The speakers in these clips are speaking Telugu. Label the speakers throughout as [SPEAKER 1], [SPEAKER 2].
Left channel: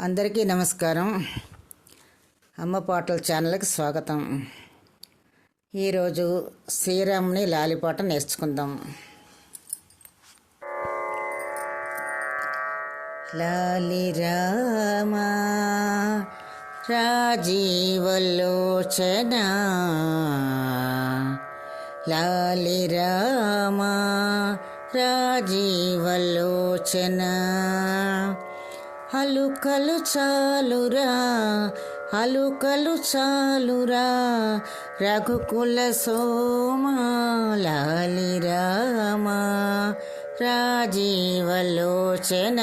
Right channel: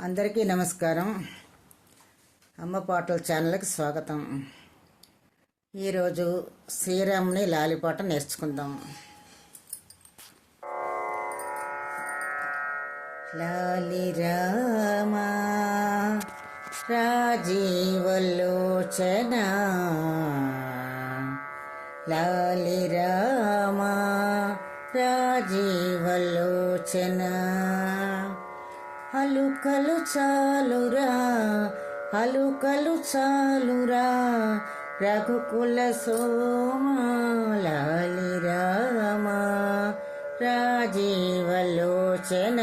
[SPEAKER 1] అందరికీ నమస్కారం. అమ్మ పాటల ఛానల్కి స్వాగతం. ఈరోజు శ్రీరాముని లాలిపాట నేర్చుకుందాం. లాలి రామా రాజీవలోచన. లాలి రామా రాజీవలోచనా. అలుకలు చాలురా అలుకలు చాలురా. రఘుకుల సోమాలి రామ రాజీవలోచన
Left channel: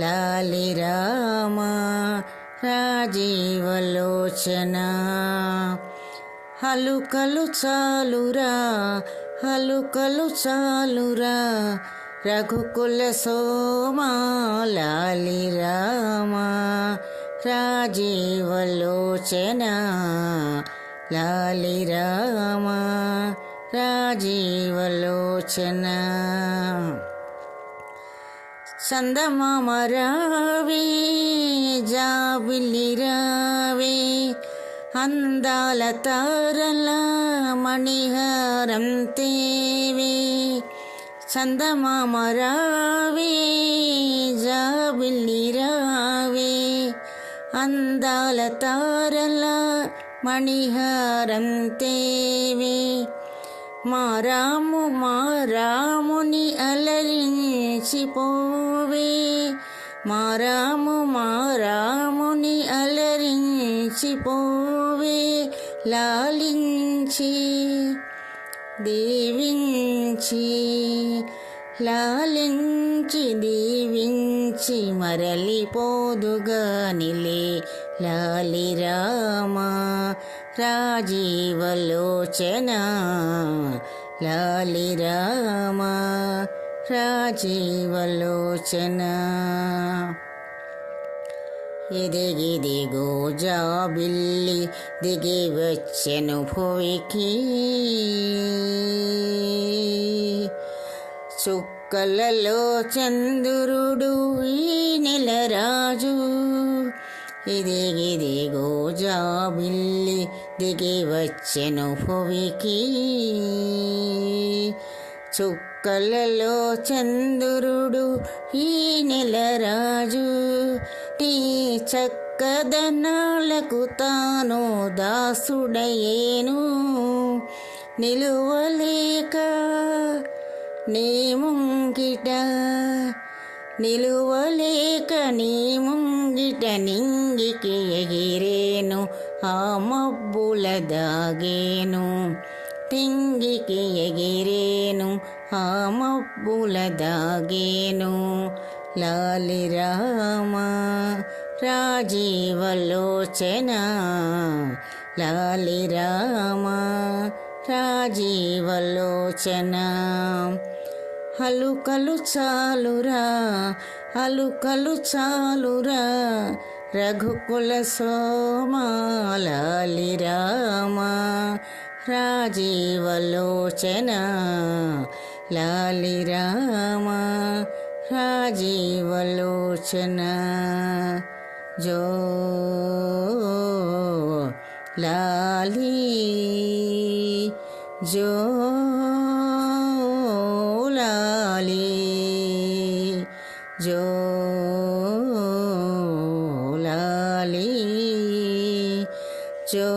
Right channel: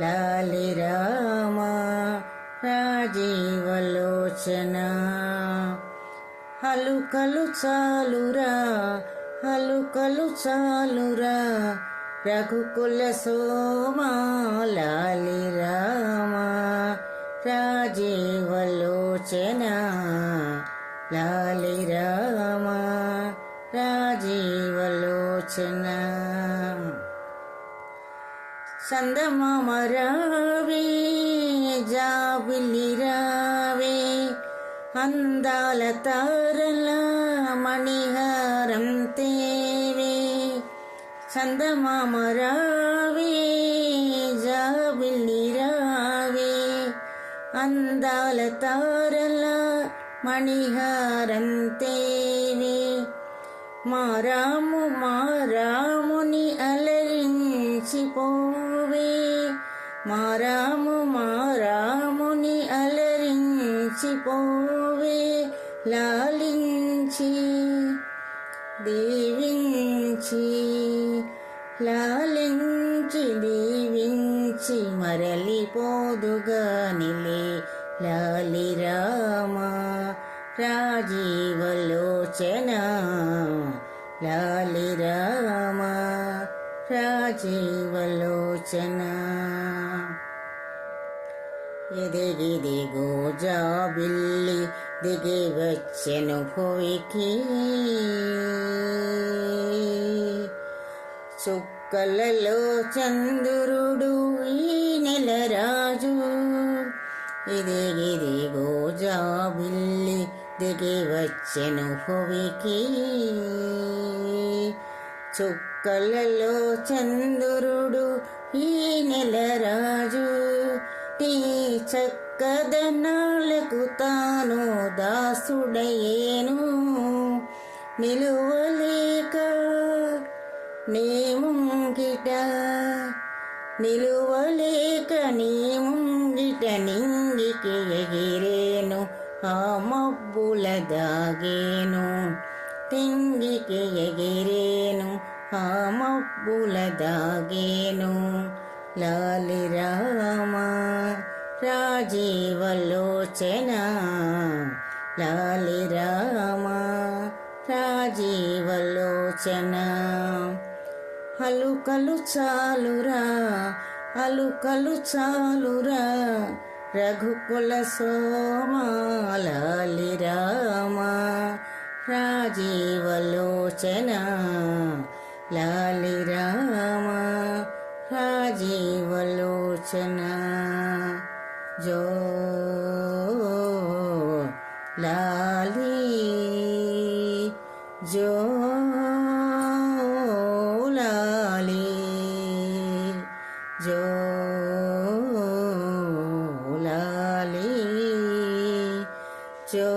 [SPEAKER 1] లాలి రామ. రాజీవలోచన అలుకలు చాలురా అలుకలు చాలురా. రఘుకుల సోమాలాలి రామ రాజీవలోచన లాలి రామ రాజీవలోచన చందమామ రావే జాబిలి రావే అందాల తారల మణిహారం తేవే చందమామ జాబిల్లి రావే అందాల తారల మణిహారం తేవే. మారాము మారాముని అలరించిపోవే. మారాము మారాముని అలరించిపోవే లాలించి దీవించి లాలించి దీవించి మరలిపోదుగా నిలే లాలి రామ రాజీవలోచన. లాలి రామ రాజీవలోచనా. ఎదిగిదిగో జాబిల్లి దిగి వచ్చెను భూమికి చుక్కలలో చంద్రుడు ఈ నెల రాజు. ఇదిగిదిగో జాబిల్లి దిగి వచ్చెను భూమికి చుక్కలలో చంద్రుడు ఈ నెల రాజు. టీ చక్కదనాలకు తాను దాసుడయేను నిలువలేక నీ ముంగిట నిలువలేక నీ ముంగిట నింగికి ఎగిరేను ఆ మబ్బుల దాగేను. తింగికి ఎగిరేను ఆ మబ్బుల దాగేను. లాలి రామ రాజీవలోచన లాలి రామ రాజీవలోచన హలుకలు చాలురా అలుకలు చాలురా రఘుకుల సోమాలాలి రామ రాజీవలోచన లాలి రామ రాజీవలోచన జో లాలి జో లాలి జో లాలి జో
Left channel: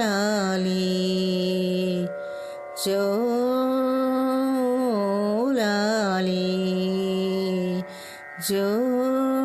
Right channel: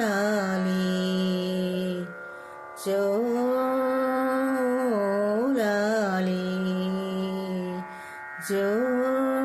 [SPEAKER 1] లాలి జో లాలి జో